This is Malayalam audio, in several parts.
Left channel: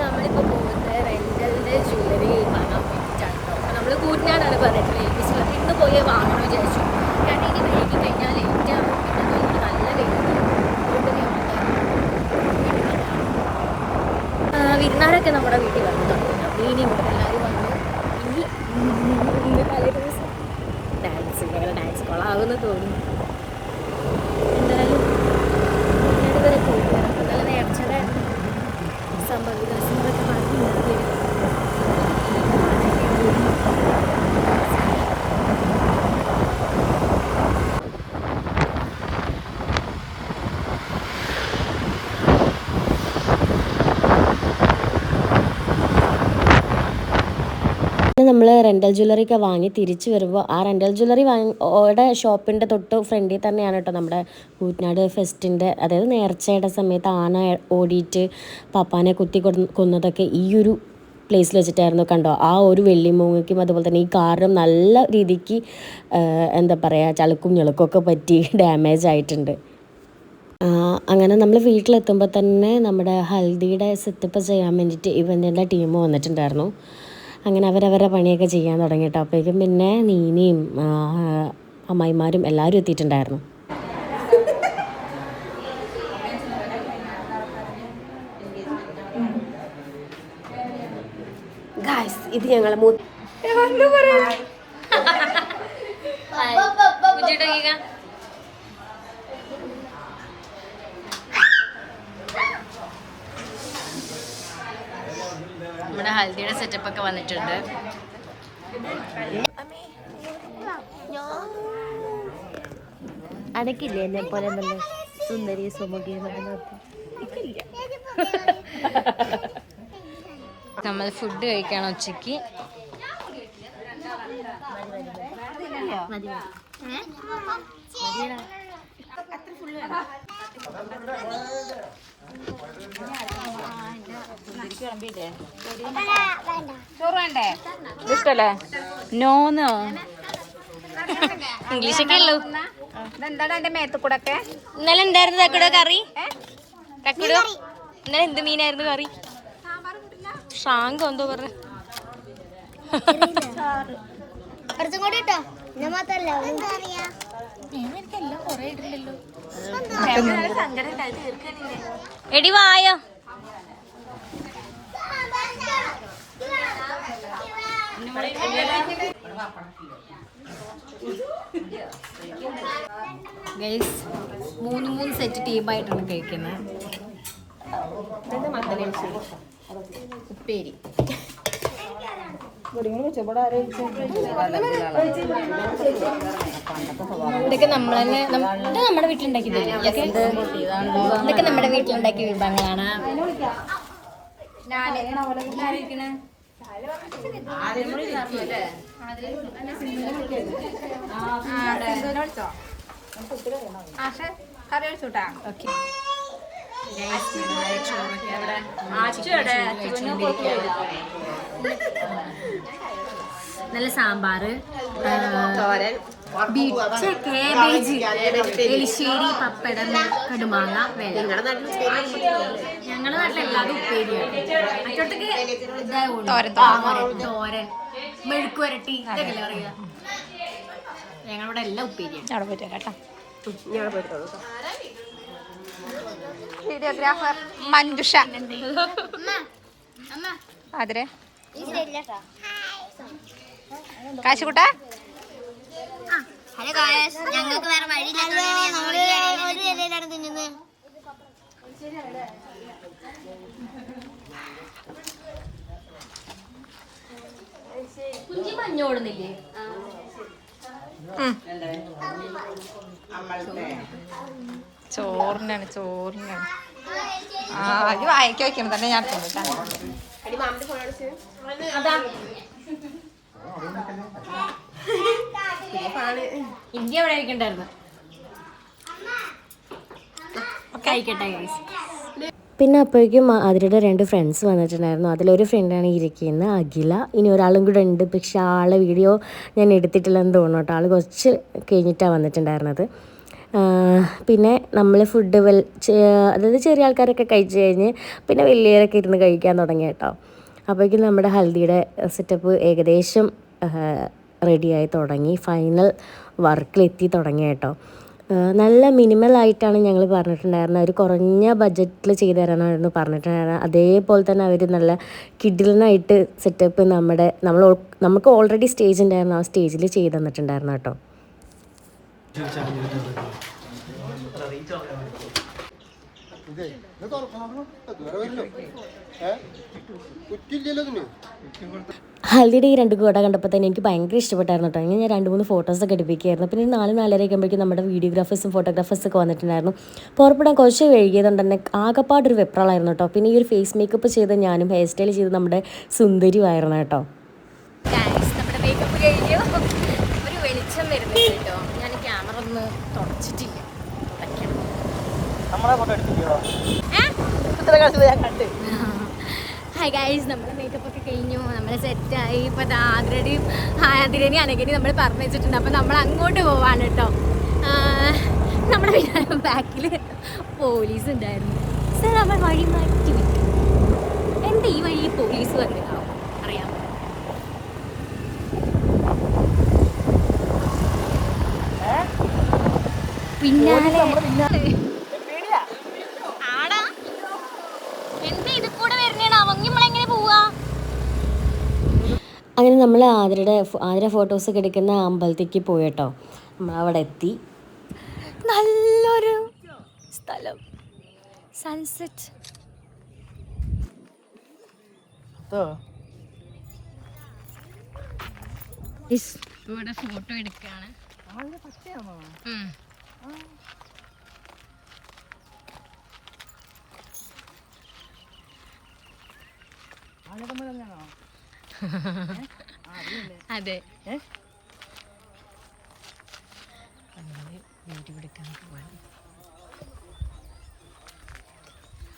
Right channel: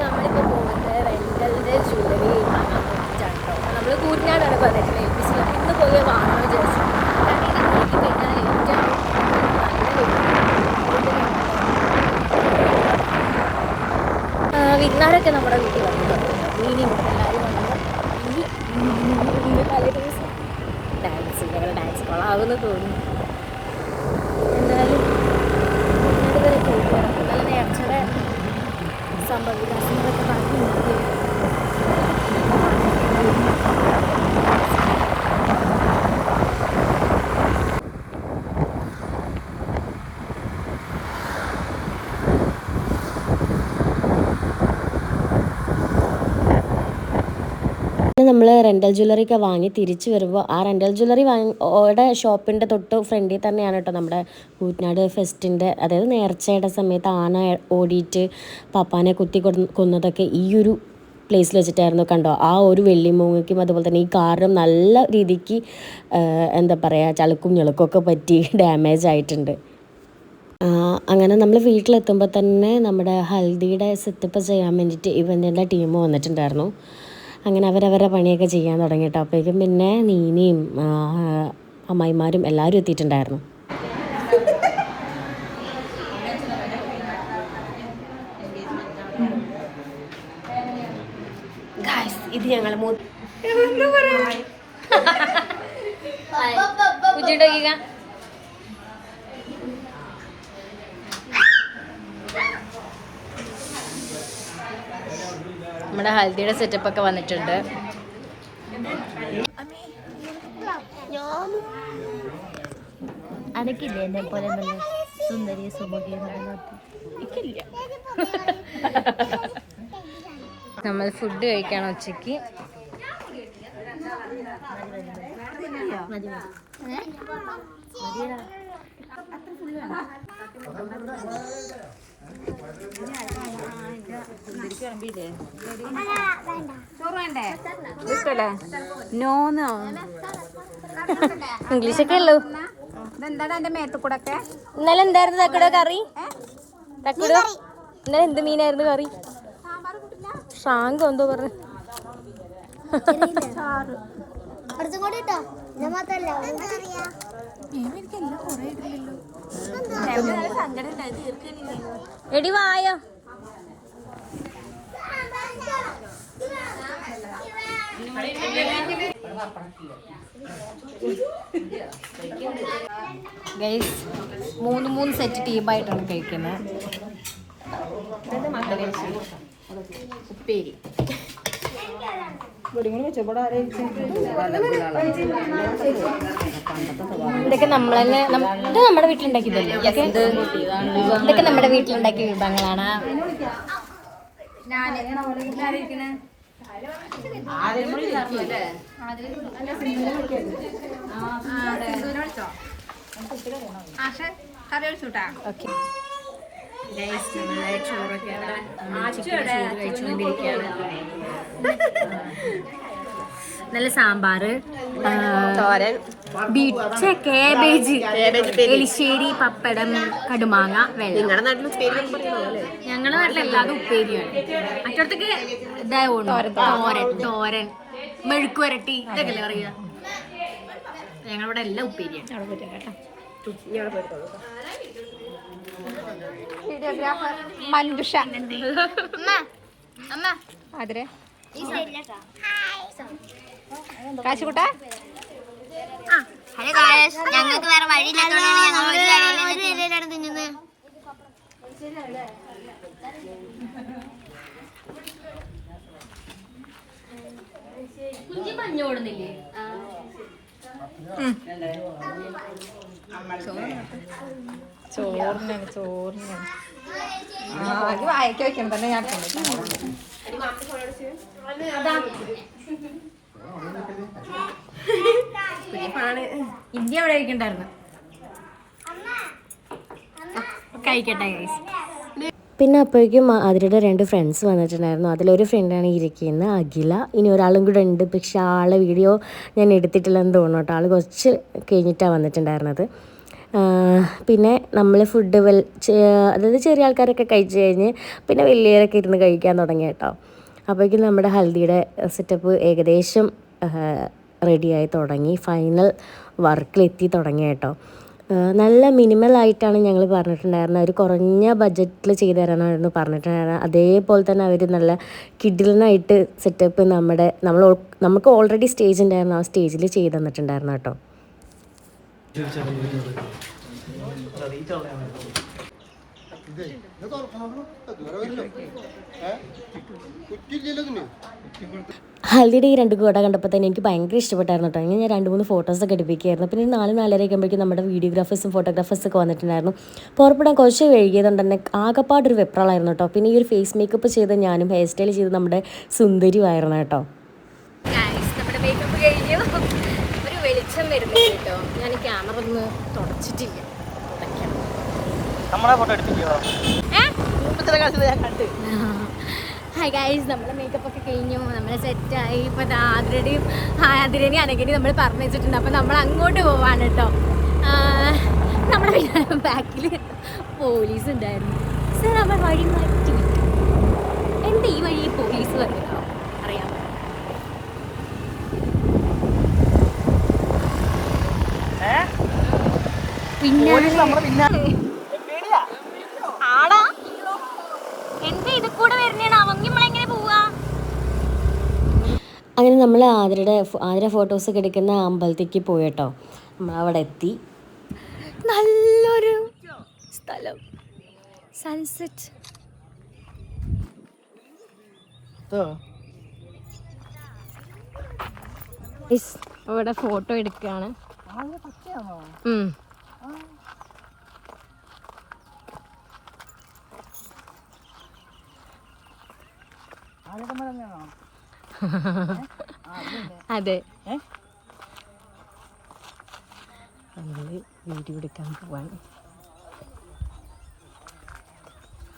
നമ്മളിപ്പോൾ പോകുന്നത് റെൻ്റലിൻ്റെ ജ്വല്ലറി വാങ്ങാൻ വേണ്ടിയിട്ടാണ്. നമ്മൾ കൂറ്റനാടാണ് പറഞ്ഞിട്ടുള്ളത് ഏൽപ്പിച്ചത്. ഇന്ന് പോയി വാങ്ങാൻ വിചാരിച്ചു. കാരണം ഇനി കഴിക്കി കഴിഞ്ഞാൽ ഏറ്റവും നല്ല വിരുന്നാരൊക്കെ നമ്മുടെ വീട്ടിൽ വന്നു. മീനും എല്ലാവരും വന്നു. തലേ ദിവസം ഡാൻസ് കൊള്ളാവുമെന്ന് തോന്നി. എന്തായാലും വരെ പോവുകയാണ്. നല്ല നേർച്ചയുടെ സംഭവവികാസങ്ങളൊക്കെ പറഞ്ഞിട്ടുണ്ടാകും. നമ്മൾ റെൻ്റൽ ജ്വല്ലറിയൊക്കെ വാങ്ങി തിരിച്ച് വരുമ്പോൾ ആ റെൻ്റൽ ജ്വല്ലറി ഓടെ ഷോപ്പിൻ്റെ തൊട്ട് ഫ്രണ്ടിൽ തന്നെയാണ് കേട്ടോ നമ്മുടെ കൂറ്റനാട് ഫെസ്റ്റിൻ്റെ, അതായത് നേർച്ചയുടെ സമയത്ത് ആന ഓടിയിട്ട് പപ്പാനെ കുത്തി കൊന്നതൊക്കെ ഈ ഒരു പ്ലേസിൽ വെച്ചിട്ടായിരുന്നു. കണ്ടോ, ആ ഒരു വെള്ളിമൂങ്ങയ്ക്കും അതുപോലെ തന്നെ ഈ കാറിനും നല്ല രീതിക്ക് എന്താ പറയുക ചളുക്കും ഞെളുക്കൊക്കെ പറ്റി ഡാമേജ് ആയിട്ടുണ്ട്. അങ്ങനെ നമ്മൾ വീട്ടിലെത്തുമ്പോൾ തന്നെ നമ്മുടെ ഹൽദിയുടെ സെറ്റപ്പ് ചെയ്യാൻ വേണ്ടിയിട്ട് ഇവൻ്റെ ടീം വന്നിട്ടുണ്ടായിരുന്നു. അങ്ങനെ അവരവരുടെ പണിയൊക്കെ ചെയ്യാൻ തുടങ്ങിയിട്ടോ. അപ്പോഴേക്കും പിന്നെ നീനയും അമ്മായിമാരും എല്ലാവരും എത്തിയിട്ടുണ്ടായിരുന്നു. ഇത് ഞങ്ങൾ നമ്മുടെ ഹൽദിയുടെ സെറ്റപ്പ് ഒക്കെ വന്നിട്ടുണ്ട്. അനക്കില്ലേ എന്നെ പോലെ സുന്ദരി സുമുഖി നമ്മൾ ഫുഡ് കഴിക്കണം ഉച്ചക്ക്. ഇഷ്ടല്ലേ? നോന്നോ ഇംഗ്ലീഷൊക്കെ ഉള്ളൂ. എന്താണ് എന്റെ മേത്തുകൂടൊക്കെ? ഇന്നലെ എന്തായിരുന്നു തക്കുടോ കറി? തക്കുടോ ഇന്നലെ എന്ത് മീനായിരുന്നു കറി? ഷാങ്കോ എന്തോ പറഞ്ഞു. എടി വായോ. ഗൈസ് 3 സെറ്റ് ടീമായിട്ടാണ് കഴിക്കുന്നത്. ഉപ്പേരി ഇതൊക്കെ നമ്മൾ തന്നെ ഇത് നമ്മുടെ വീട്ടിലുണ്ടാക്കിയതല്ലേ? ഇതൊക്കെ നമ്മുടെ വീട്ടിലുണ്ടാക്കിയ വിഭവങ്ങളാണ്. ഓക്കെ നല്ല സാമ്പാറ്, ബീച്ച്, കേബേജ്, എലിശ്ശേരി, പപ്പടം, കടുമാങ്ങ, വെള്ളം. ഞങ്ങളുടെ നാട്ടിലെല്ലാതും ഉപ്പേരിയാണ്. മറ്റോടത്തേക്ക് തോരൻ, മെഴുക്കുവരട്ടി ഇതൊക്കെ അല്ലേ പറയുക. ഞങ്ങളിവിടെ എല്ലാം ഉപ്പേരിയാണ്. കേട്ടോ വീഡിയോഗ്രാഫർ മഞ്ജുഷ അതിരെ കാശുകുട്ട. ഞങ്ങൾക്ക് വേറെ വഴിയില്ലാത്ത തിന്നുന്നത്. കുഞ്ചി മഞ്ഞോടുന്നില്ലേ? ചോറിനാണ് അത് വായിക്കാൻ വെക്കണം തന്നെ ഞാൻ ഇന്ത്യ അവിടെ കഴിക്കണ്ടായിരുന്നു. കഴിക്കട്ടെ ഗൈസ്. പിന്നെ അപ്പോഴേക്കും അതിരുടെ 2 ഫ്രണ്ട്സ് വന്നിട്ടുണ്ടായിരുന്നു. അതിലൊരു ഫ്രണ്ടാണ് ഇരിക്കുന്നത്, അഖില. ഇനി ഒരാളും കൂടെ ഉണ്ട്, പക്ഷെ ആളെ വീഡിയോ ഞാൻ എടുത്തിട്ടില്ലെന്ന് തോന്നുന്നു കേട്ടോ. ആൾ കുറച്ച് കഴിഞ്ഞിട്ടാണ് വന്നിട്ടുണ്ടായിരുന്നത്. പിന്നെ നമ്മൾ ഫുഡ് അതായത് ചെറിയ ആൾക്കാരൊക്കെ കഴിച്ച് കഴിഞ്ഞ് പിന്നെ വലിയവരൊക്കെ ഇരുന്ന് കഴിക്കാൻ തുടങ്ങി കേട്ടോ. അപ്പോഴേക്കും നമ്മുടെ ഹൽദിയുടെ സെറ്റപ്പ് ഏകദേശം റെഡിയായി തുടങ്ങി, ഫൈനൽ വർക്കിലെത്തി തുടങ്ങി കേട്ടോ. നല്ല മിനിമലായിട്ടാണ് ഞങ്ങൾ പറഞ്ഞിട്ടുണ്ടായിരുന്നത്, ഒരു കുറഞ്ഞ ബഡ്ജറ്റിൽ ചെയ്തു തരാനായിരുന്നു പറഞ്ഞിട്ടുണ്ടായിരുന്നത്. അതേപോലെ തന്നെ അവർ നല്ല കിഡിലിനായിട്ട് സെറ്റപ്പ് നമുക്ക് ഓൾറെഡി സ്റ്റേജ് ഉണ്ടായിരുന്നു, ആ സ്റ്റേജിൽ ചെയ്ത് തന്നിട്ടുണ്ടായിരുന്നു കേട്ടോ. ഹൽദിയുടെ ഈ 2 കുട കണ്ടപ്പോൾ തന്നെ എനിക്ക് ഭയങ്കര ഇഷ്ടപ്പെട്ടായിരുന്നു കേട്ടോ. അങ്ങനെ ഞാൻ 2-3 ഫോട്ടോസൊക്കെ എടുപ്പിക്കുകയായിരുന്നു. പിന്നെ 4-4:30 ആകുമ്പോഴേക്കും നമ്മുടെ വീഡിയോഗ്രാഫേഴ്സും ഫോട്ടോഗ്രാഫേഴ്സൊക്കെ വന്നിട്ടുണ്ടായിരുന്നു. പുറപ്പെടാൻ കുറച്ച് വൈകിയതുകൊണ്ട് തന്നെ ആകപ്പാടൊരു വെപ്രാളായിരുന്നു കേട്ടോ. പിന്നെ ഈ ഒരു ഫേസ് മേക്കപ്പ് ചെയ്ത് ഞാനും ഹെയർ സ്റ്റൈൽ ചെയ്ത് നമ്മുടെ സുന്ദരിയുമായിരുന്നു കേട്ടോ. നമ്മുടെ മേക്കപ്പ് കഴിഞ്ഞു, ഒരു വെളിച്ചം വരുന്നില്ല കേട്ടോ. ഞാൻ ക്യാമറ ഒന്ന് തുടച്ചിട്ടില്ല, തുടയ്ക്കണം. ഹായ് ഗൈസ്, നമ്മുടെ മേക്കപ്പ് ഒക്കെ കഴിഞ്ഞു, നമ്മൾ സെറ്റായി. ഇപ്പോൾ ആതിരേനെയും അനഘനെയും നമ്മൾ പറഞ്ഞു വെച്ചിട്ടുണ്ട്. അപ്പോൾ നമ്മൾ അങ്ങോട്ട് പോവാണ് കേട്ടോ. നമ്മുടെ ബാക്കിൽ പോലീസ് ഉണ്ടായിരുന്നു. സർ, നമ്മൾ വഴി മാറ്റി എന്താ ഈ വഴി പോലീസ് വന്നിട്ടാവും അറിയാം. പിന്നെ ആടാ എന്താ ഇത് കൂടെ വരുന്നേണ് അവങ്ങി നമ്മളെങ്ങനെ പോവാ? അങ്ങനെ നമ്മൾ ആതിര ഫോട്ടോസൊക്കെ എടുക്കുന്ന അമ്പലത്തേക്ക് പോയി കേട്ടോ. നമ്മൾ അവിടെ എത്തി. നല്ലൊരു സ്ഥലം, സൺസെറ്റ്. ഇവിടെ ഫോട്ടോ എടുക്കുകയാണ്. അതെ, വീഡിയോ എടുക്കാൻ പോവാൻ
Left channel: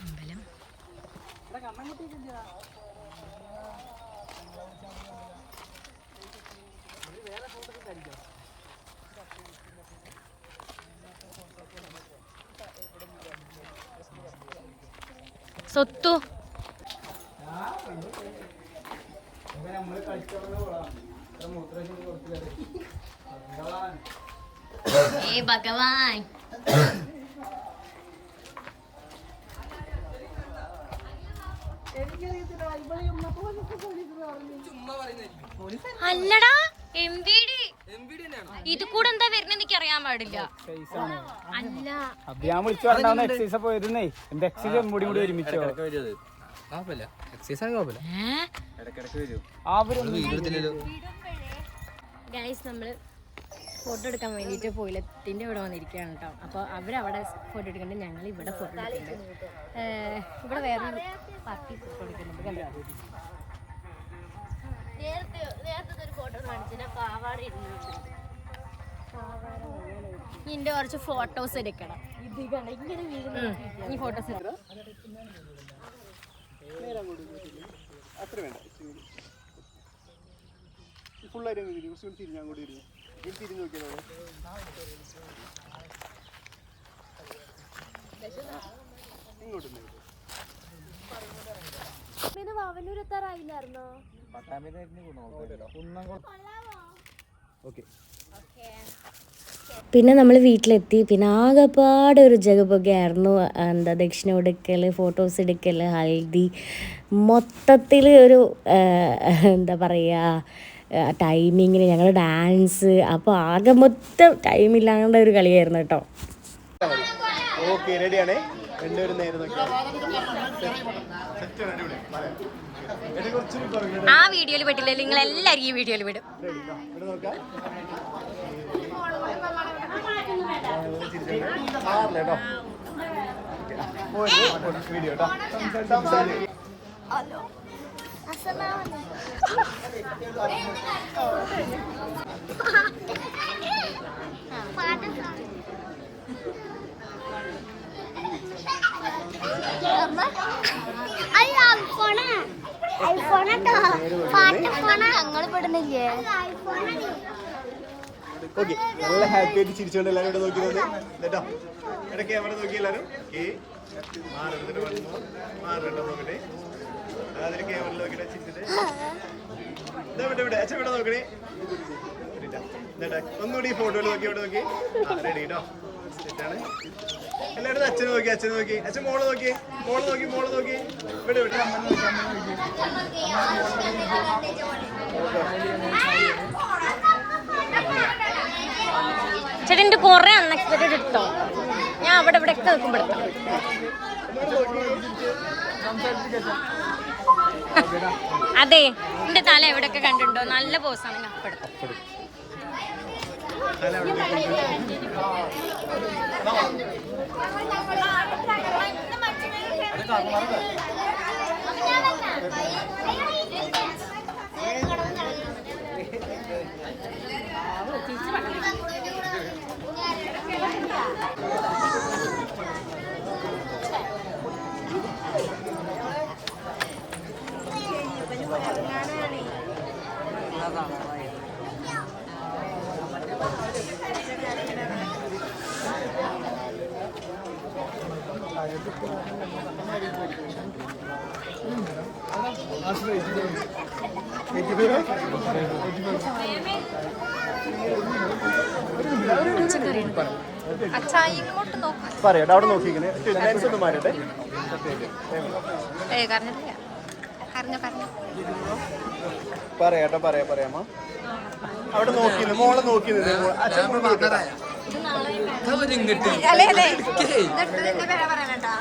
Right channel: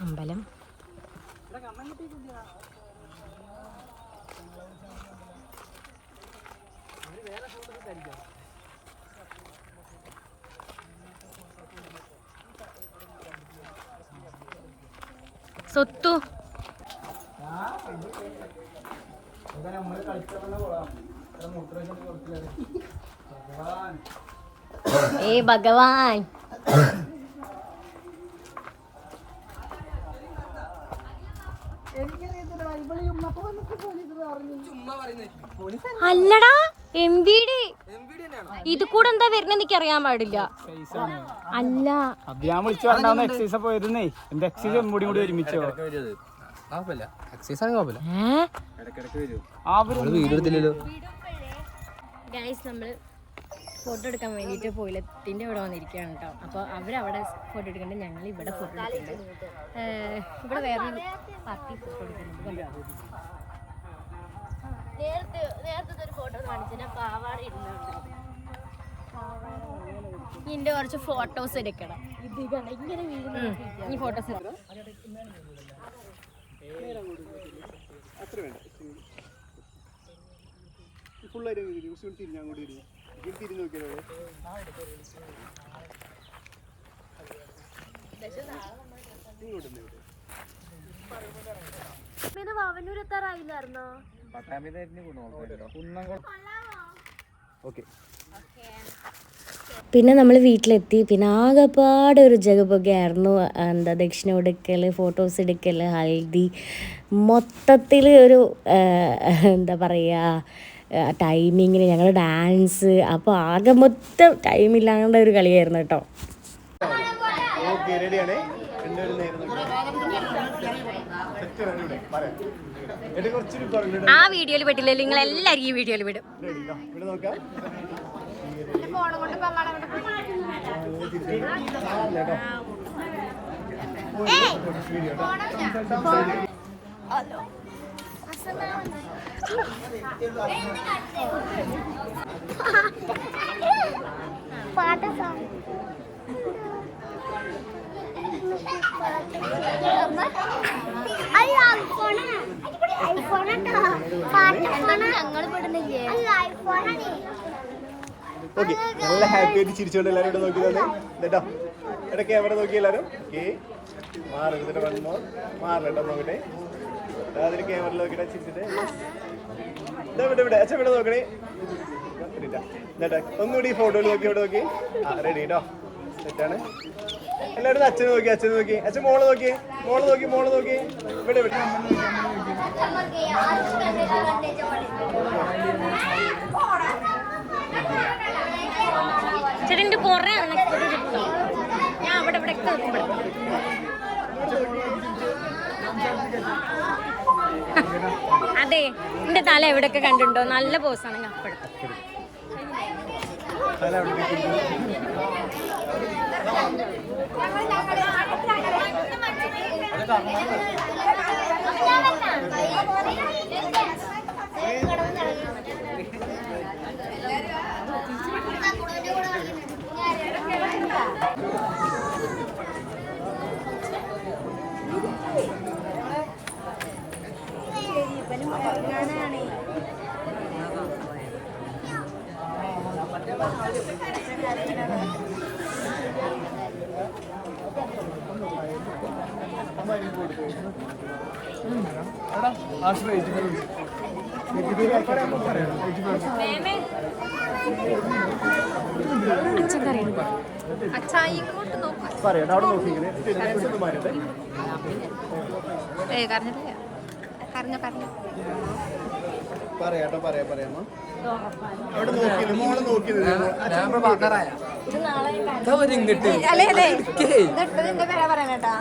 അമ്പലം. സ്വത്തു ഏ ഭഗവാൻ, അല്ലടാ എംബിഡി ഇത് കൂടെ എന്താ വരുന്നത് എനിക്ക് അറിയാൻ പാടില്ല. അല്ല ഗൈസ്, നമ്മള് ഫോട്ടോ എടുക്കാൻ വേണ്ടിയിട്ട് പോയിലത്തിൻ്റെ ഇവിടെ വന്നിരിക്കുകയാണ് കേട്ടോ. അപ്പോൾ അവരവിടെ ഫോട്ടോ എടുക്കുന്നുണ്ട്, ഞങ്ങൾ ഇവിടെ ഫോട്ടോ എടുക്കുന്നുണ്ട്. ഇവിടെ വേറൊരു പാർട്ടി ഫോട്ടോ എടുക്കുന്നുണ്ട്. നേരത്തെ ഒരു ഫോട്ടോ കാണിച്ചിട്ട് പാവാട ഇരുന്നുണ്ട്. ഇതിൻ്റെ കുറച്ച് ഫോട്ടോസ് എടുക്കണം. ഇത് കണ്ട ഇങ്ങനെ വീഴുന്ന ഈ ഫോട്ടോസ് എടുക്കണം. വാവന്നൂരെത്താറായില്ലായിരുന്നോ? പിന്നെ നമ്മൾ വീട്ടിലെത്തി. പിന്നെ ആകെപ്പാടെ ഒരു ജഗപൊഗയായിരുന്നു. ദക്ഷിണ കൊടുക്കൽ, ഫോട്ടോസ് എടുക്കൽ, ഹൽദി, മൊത്തത്തിൽ ഒരു എന്താ പറയുക ടൈമിങ്ങിന് ഞങ്ങൾ ഡാൻസ്. അപ്പോൾ ആകെ മൊത്തം ടൈമില്ലാണ്ട ഒരു കളിയായിരുന്നു കേട്ടോ. ആ വീഡിയോയിൽ പെട്ടില്ല, നിങ്ങൾ എല്ലാവരും ഈ വീഡിയോയിൽ വിടും. ഹലോ, ഞങ്ങൾ പെടുന്നില്ലേ? ഓക്കെ നല്ല ഹാപ്പി ആയിട്ട് ചിരിച്ചുകൊണ്ട് എല്ലാവരും നോക്കി തന്നെ കേട്ടോ. ഇവിടെ ക്യാമറ നോക്കി എല്ലാവരും. മാറിട്ട് വന്നോ മാറിട്ടോ നോക്കട്ടെ. അതിന് ക്യാമറ നോക്കിയിട്ട് ചിരിച്ചിട്ട് ഇവിടെ അച്ഛൻ ഇവിടെ നോക്കണേ. ഒന്നുകൂടി ഫോട്ടോ നോക്കി ഇവിടെ നോക്കി. റെഡി കേട്ടോ. സെറ്റാണ്. എല്ലാവരും അച്ഛൻ നോക്കി അച്ഛൻ നോക്കി അച്ഛൻ മോള് നോക്കി മോള് നോക്കി മോള് നോക്കി. ഇവിടെ ഇവിടെ അമ്മ നോക്കി അമ്മ നോക്കി. ചേട്ടൻ്റെ കുറെ അൺഎക്സ്പെക്ടഡ് കിട്ടോ. ഞാൻ അവിടെ ഇവിടെ ഒക്കെ നിൽക്കുമ്പോഴത്തെ അതെ എന്റെ തല എവിടെയൊക്കെ കണ്ടിട്ടുണ്ടോ? നല്ല പോസാണെങ്കിൽ അപ്പടും അച്ഛാ ഇങ്ങോട്ട് നോക്കാം. പറയട്ടെ അവിടെ നോക്കിങ്ങനെ മാറട്ടെ. കരഞ്ഞിട്ടില്ല. കരഞ്ഞോ കരഞ്ഞോ. പറയാട്ടോ പറയാമോ. അവിടെ നോക്കി മോളെ നോക്കി അല്ലേ അതെ ഇതിന്റെ പേരാ പറയണേട്ടാ.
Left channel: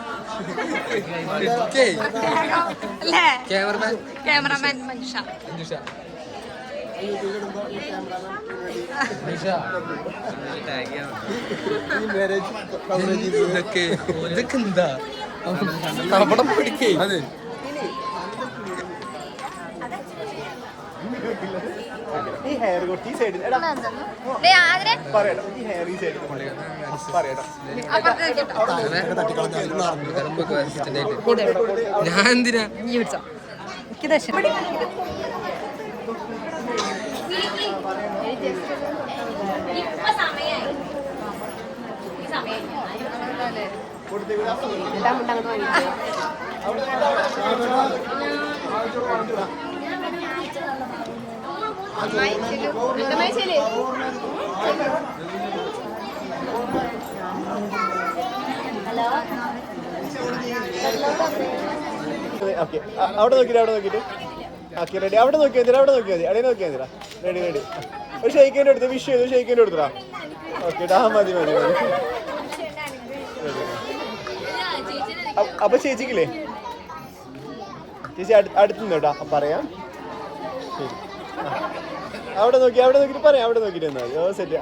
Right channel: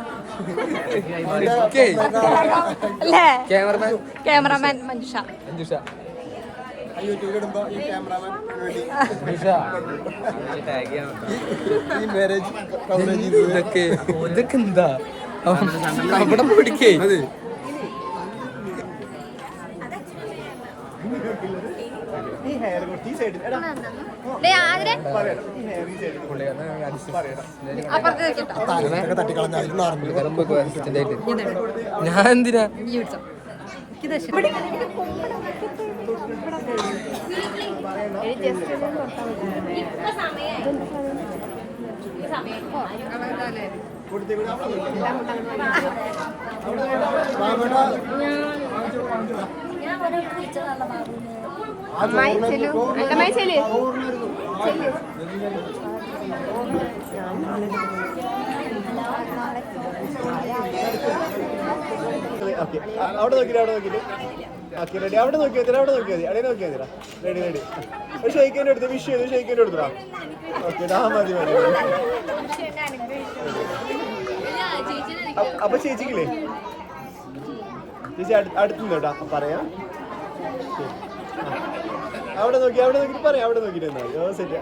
അല്ലേ ക്യാമറമാൻ മഞ്ജുഷ. ഇതൊക്കെ എന്താ അവിടെ പോയിക്കേ. അതെ ഞാൻ എന്തിനാ അമ്മായി ചെല്ലു. അവിടെ നോക്കിട്ട് അവിടെ നോക്കിട്ട് ഓക്കെ റെഡി. അവിടെ നോക്കിയാൽ അവിടെ നോക്കിയാൽ മതി. അവിടെ നോക്കിയാൽ മതി. Ready ready. ഷെയ്ക്കിൻ്റെ അടുത്ത് വിഷ് ചെയ്തു. ഷെയ്ക്കിൻ്റെ അടുത്താ. ഓക്കെ മതി മതി. അപ്പൊ ചേച്ചിക്കില്ലേ ചേച്ചി അടുത്തുനിന്ന് കേട്ടോ പറയാം. അവിടെ നോക്കിട്ട് പറയാം. അവിടെ നോക്കിട്ട് എന്നാ മതി. സെറ്റ്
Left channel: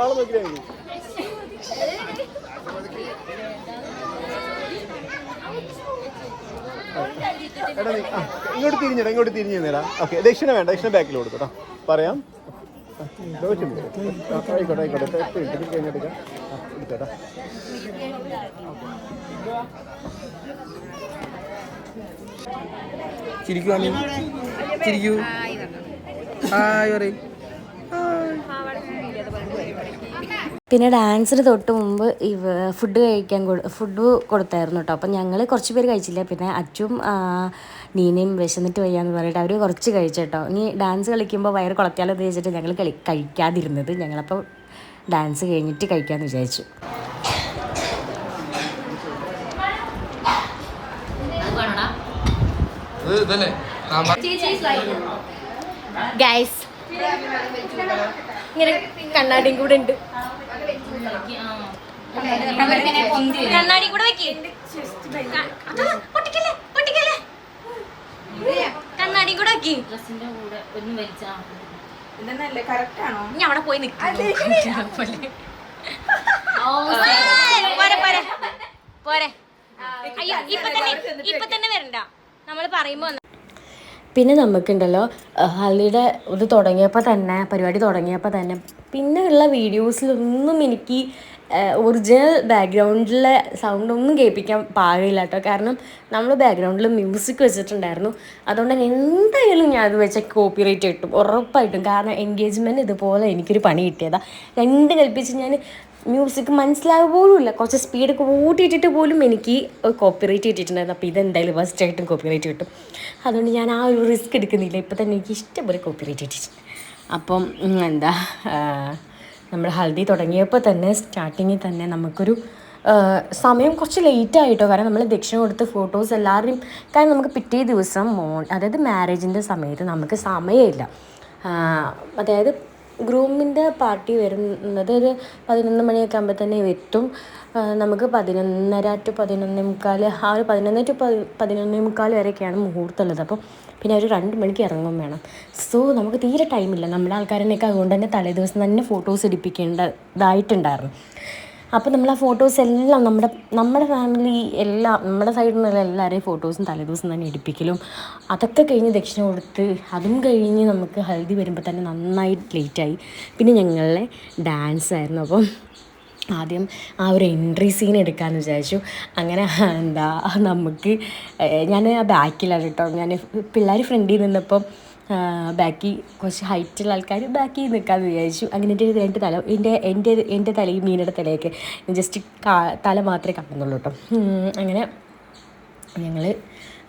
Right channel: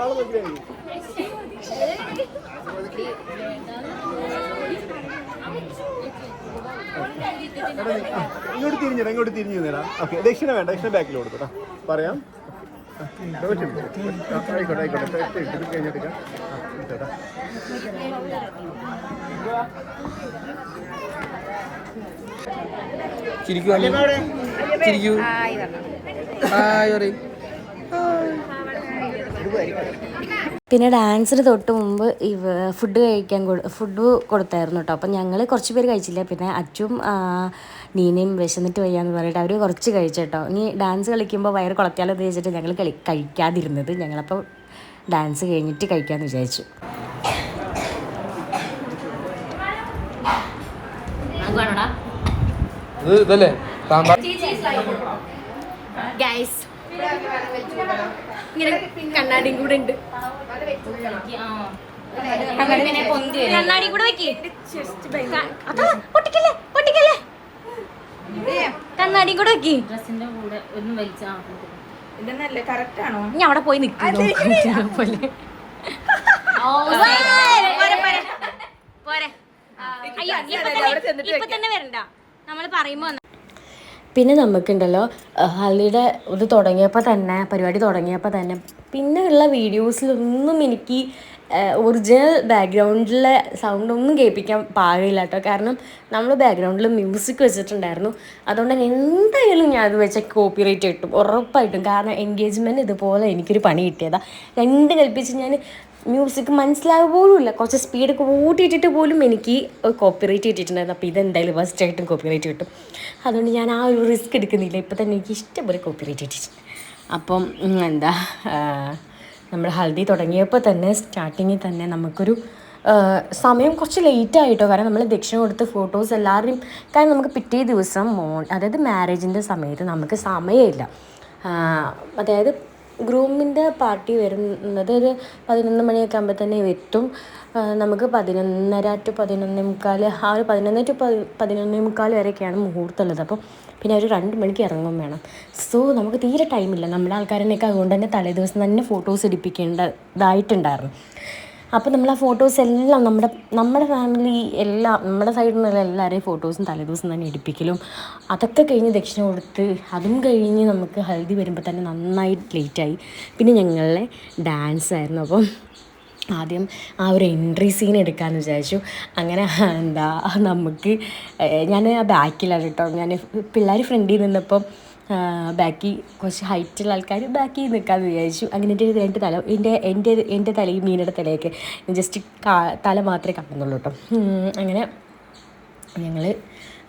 അവിടെ നോക്കിയാൽ മതി. ഇങ്ങോട്ട് തിരിഞ്ഞിടാ. ഓക്കെ ദക്ഷിണ വേണ്ട. ദക്ഷിണ ബാക്കിൽ കൊടുക്കട്ടോ. പറയാം. ചിരിക്കൂ ചിരിക്കൂ. പിന്നെ ഡാൻസിന് തൊട്ട് മുമ്പ് ഫുഡ് കൊടുത്തായിരുന്നു കേട്ടോ. അപ്പം ഞങ്ങൾ കുറച്ച് പേര് കഴിച്ചില്ല. പിന്നെ അച്ചും നീനയും വിശന്നിട്ട് വയ്യാന്ന് പറഞ്ഞിട്ട് അവർ കുറച്ച് കഴിച്ചു കേട്ടോ. ഇനി ഡാൻസ് കളിക്കുമ്പോൾ വയറ് കുളത്തിയാലോ എന്ന് വെച്ചിട്ട് ഞങ്ങൾ കഴിക്കാതിരുന്നത്. ഞങ്ങളപ്പോൾ ഡാൻസ് കഴിഞ്ഞിട്ട് കഴിക്കാമെന്ന് വിചാരിച്ചു. ഇതല്ലേ സാമ്പാർ. ഗൈസ് കണ്ണാടിയും കൂടെ ഉണ്ട്. കണ്ണാടി കൂടെ വെക്കേ. പൊട്ടിക്കല്ലേ. കണ്ണാടി കൂടെ വെക്കി. ഇനി അവിടെ പോയി നിൽക്കുന്നു പോലെ. പോരെ അയ്യോ ഇപ്പൊ തന്നെ വരണ്ട. നമ്മൾ പറയുമ്പോ പിന്നെ നമുക്കുണ്ടല്ലോ ഹൽദിയുടെ ഇത് പരിപാടി തുടങ്ങിയപ്പോൾ തന്നെ പിന്നെ ഉള്ള വീഡിയോസിലൊന്നും എനിക്ക് ഒറിജിനൽ ബാക്ക്ഗ്രൗണ്ടിലെ സൗണ്ടൊന്നും കേൾപ്പിക്കാൻ പാടില്ല കേട്ടോ. കാരണം നമ്മൾ ബാക്ക്ഗ്രൗണ്ടിൽ മ്യൂസിക് വെച്ചിട്ടുണ്ടായിരുന്നു. അതുകൊണ്ട് തന്നെ എന്തായാലും ഞാൻ അത് വെച്ച കോപ്പിറൈറ്റ് കിട്ടും ഉറപ്പായിട്ടും. കാരണം എൻഗേജ്മെൻറ്റ് ഇതുപോലെ എനിക്കൊരു പണി കിട്ടിയതാണ്. രണ്ട് കൽപ്പിച്ച് ഞാൻ മ്യൂസിക് മനസ്സിലാവുക പോലും ഇല്ല, കുറച്ച് സ്പീഡൊക്കെ കൂട്ടിയിട്ടിട്ട് പോലും എനിക്ക് കോപ്പിറൈറ്റ് കിട്ടിയിട്ടുണ്ടായിരുന്നു. അപ്പോൾ ഇതെന്തായാലും ഫസ്റ്റായിട്ടും കോപ്പിറൈറ്റ് കിട്ടും. അതുകൊണ്ട് ഞാൻ ആ ഒരു റിസ്ക് എടുക്കുന്നില്ല. ഇപ്പോൾ തന്നെ എനിക്ക് ഇഷ്ടംപോലെ കോപ്പിറൈറ്റ് കിട്ടിയിട്ടുണ്ട്. അപ്പം എന്താ നമ്മൾ ഹൽദി തുടങ്ങിയപ്പോൾ തന്നെ സ്റ്റാർട്ടിങ്ങിൽ തന്നെ നമുക്കൊരു സമയം കുറച്ച് ലേറ്റ് ആയിട്ടോ. കാരണം നമ്മൾ ദക്ഷിണ കൊടുത്ത് ഫോട്ടോസ് എല്ലാവരുടെയും, കാരണം നമുക്ക് പിറ്റേ ദിവസം അതായത് മാരേജിൻ്റെ സമയത്ത് നമുക്ക് സമയമില്ല. അതായത് ഗ്രൂമിൻ്റെ പാർട്ടി വരുന്നത് ഒരു 11 മണിയൊക്കെ ആകുമ്പോൾ തന്നെ എത്തും. നമുക്ക് 11:30 to 11:45 ആ ഒരു 11 to 11:45 വരെയൊക്കെയാണ് മുഹൂർത്തമുള്ളത്. അപ്പോൾ പിന്നെ ഒരു 2 മണിക്ക് ഇറങ്ങും വേണം. സോ നമുക്ക് തീരെ ടൈമില്ല. നമ്മുടെ ആൾക്കാരനെയൊക്കെ അതുകൊണ്ട് തന്നെ തലേ ദിവസം തന്നെ ഫോട്ടോസ് എടുപ്പിക്കേണ്ടതായിട്ടുണ്ടായിരുന്നു. അപ്പോൾ നമ്മൾ ആ ഫോട്ടോസ് എല്ലാം നമ്മുടെ ഫാമിലി എല്ലാം നമ്മുടെ സൈഡിൽ നിന്നുള്ള എല്ലാവരെയും ഫോട്ടോസും തലേദിവസം തന്നെ എടുപ്പിക്കലും അതൊക്കെ കഴിഞ്ഞ് ദക്ഷിണ കൊടുത്ത് അതും കഴിഞ്ഞ് നമുക്ക് ഹൽദി വരുമ്പോൾ തന്നെ നന്നായി ലേറ്റായി. പിന്നെ ഞങ്ങളുടെ ഡാൻസ് ആയിരുന്നു. അപ്പം ആദ്യം ആ ഒരു എൻട്രി സീൻ എടുക്കാമെന്ന് വിചാരിച്ചു. അങ്ങനെ എന്താ നമുക്ക് ഞാൻ ആ ബാക്കിലാണ് കേട്ടോ. ഞാൻ പിള്ളേർ ഫ്രണ്ടിൽ നിന്നപ്പം ബാക്കി കുറച്ച് ഹൈറ്റുള്ള ആൾക്കാർ ബാക്കി നിൽക്കാമെന്ന് വിചാരിച്ചു. അങ്ങനെ എൻ്റെ തല എൻ്റെ തലയും മീനയുടെ തലയൊക്കെ ജസ്റ്റ് തല മാത്രമേ കാണുന്നുള്ളൂ കേട്ടോ. അങ്ങനെ ഞങ്ങൾ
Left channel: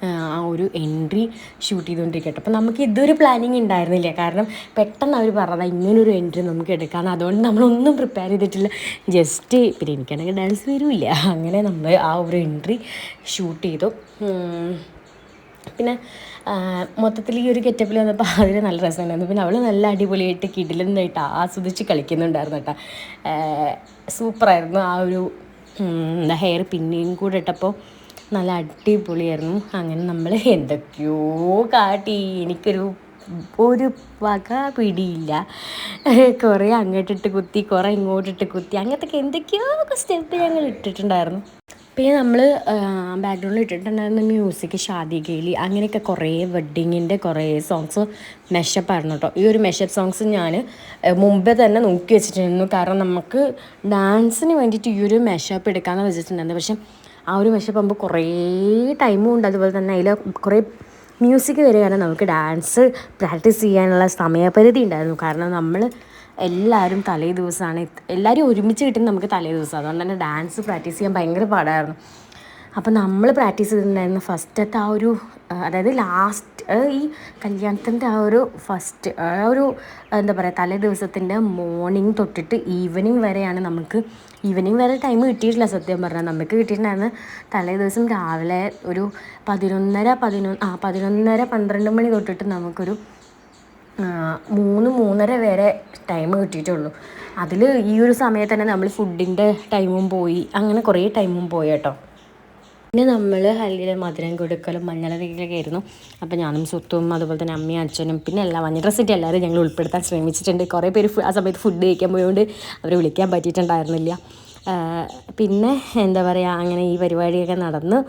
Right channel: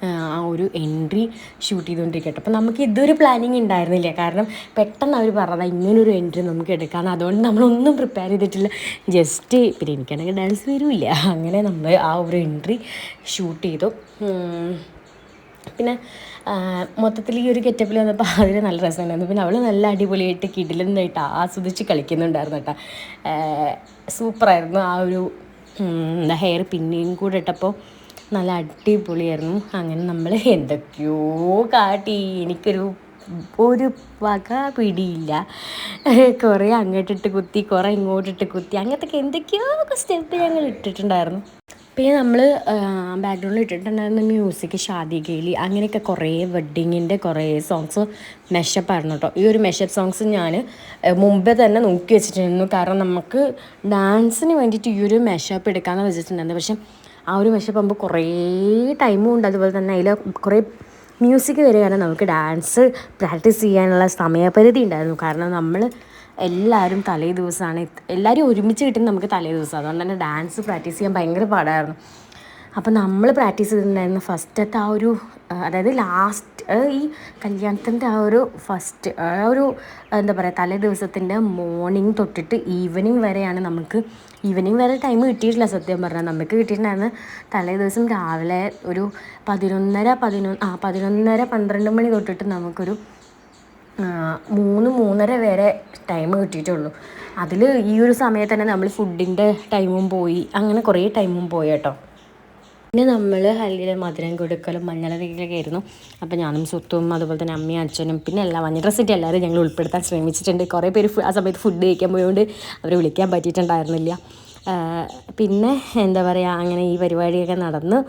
ആ ഒരു എൻട്രി ഷൂട്ട് ചെയ്തുകൊണ്ടിരിക്കട്ടെ. അപ്പോൾ നമുക്ക് ഇതൊരു പ്ലാനിങ് ഉണ്ടായിരുന്നില്ല. കാരണം പെട്ടെന്ന് അവർ പറഞ്ഞാൽ ഇങ്ങനൊരു എൻട്രി നമുക്ക് എടുക്കാമെന്ന്. അതുകൊണ്ട് നമ്മളൊന്നും പ്രിപ്പയർ ചെയ്തിട്ടില്ല. ജസ്റ്റ് പിന്നെ എനിക്കാണെങ്കിൽ ഡാൻസ് വരില്ല. അങ്ങനെ നമ്മൾ ആ ഒരു എൻട്രി ഷൂട്ട് ചെയ്തു. പിന്നെ മൊത്തത്തിൽ ഈ ഒരു ഗെറ്റപ്പിൽ വന്നപ്പോൾ അതിന് നല്ല രസമുണ്ടായിരുന്നു. പിന്നെ അവൾ നല്ല അടിപൊളിയായിട്ട് കിടിലനായിട്ട് ആസ്വദിച്ച് കളിക്കുന്നുണ്ടായിരുന്നു കേട്ടോ. സൂപ്പറായിരുന്നു. ആ ഒരു ഹെയർ പിന്നെയും കൂടെ ഇട്ടപ്പോൾ നല്ല അടിപൊളിയായിരുന്നു. അങ്ങനെ നമ്മൾ എന്തൊക്കെയോ കാട്ടി. എനിക്കൊരു വക പിടിയില്ല. കുറേ അങ്ങോട്ടിട്ട് കുത്തി, കുറേ ഇങ്ങോട്ടിട്ട് കുത്തി, അങ്ങനത്തെ എന്തൊക്കെയോ സ്റ്റെപ്പ് ഞങ്ങൾ ഇട്ടിട്ടുണ്ടായിരുന്നു. പിന്നെ നമ്മൾ ബാക്ക്ഗ്രൗണ്ടിൽ ഇട്ടിട്ടുണ്ടായിരുന്ന മ്യൂസിക് ഷാദി ഗേലി അങ്ങനെയൊക്കെ കുറേ വെഡ്ഡിങ്ങിൻ്റെ കുറേ സോങ്സ് മെഷപ്പ് ആയിരുന്നു കേട്ടോ. ഈ ഒരു മെഷപ്പ് സോങ്സ് ഞാൻ മുമ്പേ തന്നെ നോക്കി വെച്ചിട്ടുണ്ടായിരുന്നു. കാരണം നമുക്ക് ഡാൻസിന് വേണ്ടിയിട്ട് ഈ ഒരു മെഷപ്പ് എടുക്കാമെന്ന് വെച്ചിട്ടുണ്ടായിരുന്നു. പക്ഷെ ആ ഒരു മെഷപ്പ് ആകുമ്പോൾ കുറേ ടൈമും ഉണ്ട്. അതുപോലെ തന്നെ അതിൽ കുറേ മ്യൂസിക് വരികയാണ്. നമുക്ക് ഡാൻസ് പ്രാക്ടീസ് ചെയ്യാനുള്ള സമയപരിധി ഉണ്ടായിരുന്നു. കാരണം നമ്മൾ എല്ലാവരും തലേ ദിവസമാണ്, എല്ലാവരും ഒരുമിച്ച് കിട്ടുന്നത് നമുക്ക് തലേ ദിവസം. അതുകൊണ്ട് തന്നെ ഡാൻസ് പ്രാക്ടീസ് ചെയ്യാൻ ഭയങ്കര പാടായിരുന്നു. അപ്പോൾ നമ്മൾ പ്രാക്ടീസ് ചെയ്തിട്ടുണ്ടായിരുന്നു ഫസ്റ്റത്തെ ആ ഒരു, അതായത് ലാസ്റ്റ് ഈ കല്യാണത്തിൻ്റെ ആ ഒരു ഫസ്റ്റ് ആ ഒരു എന്താ പറയുക തലേ ദിവസത്തിൻ്റെ മോർണിംഗ് തൊട്ടിട്ട് ഈവനിങ് വരെയാണ് നമുക്ക്. ഈവനിങ് വരെ ടൈം കിട്ടിയിട്ടില്ല സത്യം പറഞ്ഞാൽ. നമുക്ക് കിട്ടിയിട്ടുണ്ടായിരുന്നു തലേ ദിവസം രാവിലെ ഒരു 11:30-12 മണി തൊട്ടിട്ട് നമുക്കൊരു 3-3:30 വരെ ടൈം കിട്ടിയിട്ടുള്ളൂ. അതിൽ ഈ ഒരു സമയത്ത് തന്നെ നമ്മൾ ഫുഡിൻ്റെ ടൈമും പോയി, അങ്ങനെ കുറേ ടൈമും പോയി കേട്ടോ. പിന്നെ നമ്മൾ ഹൽദിയിൽ മധുരം കൊടുക്കലും മഞ്ഞളൊക്കെ ആയിരുന്നു. അപ്പോൾ ഞാനും സുത്തും അതുപോലെ തന്നെ അമ്മയും അച്ഛനും പിന്നെ എല്ലാ മഞ്ഞ ഡ്രസ്സിൻ്റെ എല്ലാവരും ഞങ്ങൾ ഉൾപ്പെടുത്താൻ ശ്രമിച്ചിട്ടുണ്ട്. കുറേ പേര് ആ സമയത്ത് ഫുഡ് കഴിക്കാൻ പോയതുകൊണ്ട് അവരെ വിളിക്കാൻ പറ്റിയിട്ടുണ്ടായിരുന്നില്ല. പിന്നെ എന്താ പറയുക, അങ്ങനെ ഈ പരിപാടിയൊക്കെ നടന്ന്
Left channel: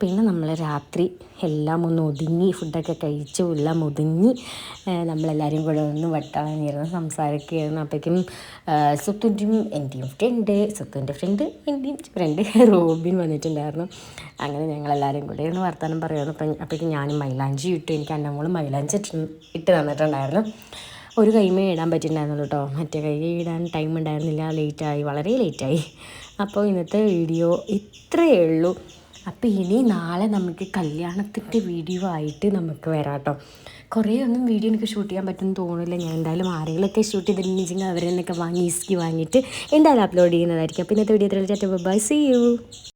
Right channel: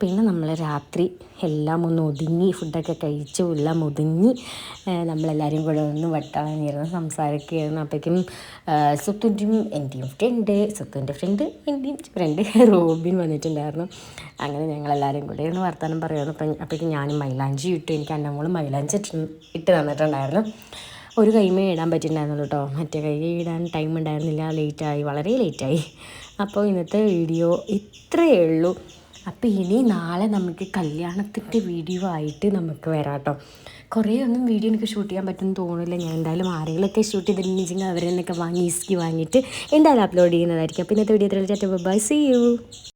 പിന്നെ നമ്മൾ രാത്രി എല്ലാം ഒന്ന് ഒതുങ്ങി, ഫുഡൊക്കെ കഴിച്ചു എല്ലാം ഒതുങ്ങി നമ്മളെല്ലാവരും കൂടെ ഒന്ന് വട്ടമായിരുന്നു സംസാരിക്കുകയായിരുന്നു. അപ്പോഴേക്കും സുത്തുൻ്റെയും എൻ്റെയും സുത്തുൻ്റെ ഫ്രണ്ട് എൻ്റെയും ഫ്രണ്ട് റോബിൻ വന്നിട്ടുണ്ടായിരുന്നു. അങ്ങനെ ഞങ്ങളെല്ലാവരും കൂടെ ഒന്ന് വർത്തമാനം പറയുമായിരുന്നു. അപ്പോഴേക്കും ഞാനും മൈലാഞ്ചി ഇട്ടു. എനിക്ക് അന്നമോളും മൈലാഞ്ചി ഇട്ട് തന്നിട്ടുണ്ടായിരുന്നു. ഒരു കൈമേ ഇടാൻ പറ്റിയിട്ടുണ്ടായിരുന്നുള്ളൂ കേട്ടോ. മറ്റേ കൈ ഇടാൻ ടൈം ഉണ്ടായിരുന്നില്ല. ലേറ്റായി, വളരെ ലേറ്റായി. അപ്പോൾ ഇന്നത്തെ വീഡിയോ ഇത്രയേ ഉള്ളൂ. അപ്പോൾ ഇനി നാളെ നമുക്ക് കല്യാണത്തിൻ്റെ വീഡിയോ ആയിട്ട് നമുക്ക് വരാം കേട്ടോ. കുറേ ഒന്നും വീഡിയോ എനിക്ക് ഷൂട്ട് ചെയ്യാൻ പറ്റുമെന്ന് തോന്നില്ല. ഞാൻ എന്തായാലും ആരെങ്കിലുമൊക്കെ ഷൂട്ട് ചെയ്തിട്ടുണ്ടെങ്കിൽ അവരെന്നൊക്കെ വാങ്ങിയിട്ട് എന്തായാലും അപ്ലോഡ് ചെയ്യുന്നതായിരിക്കും. അപ്പോൾ ഇന്നത്തെ വീഡിയോ ഇത്രയും. Bye, see U.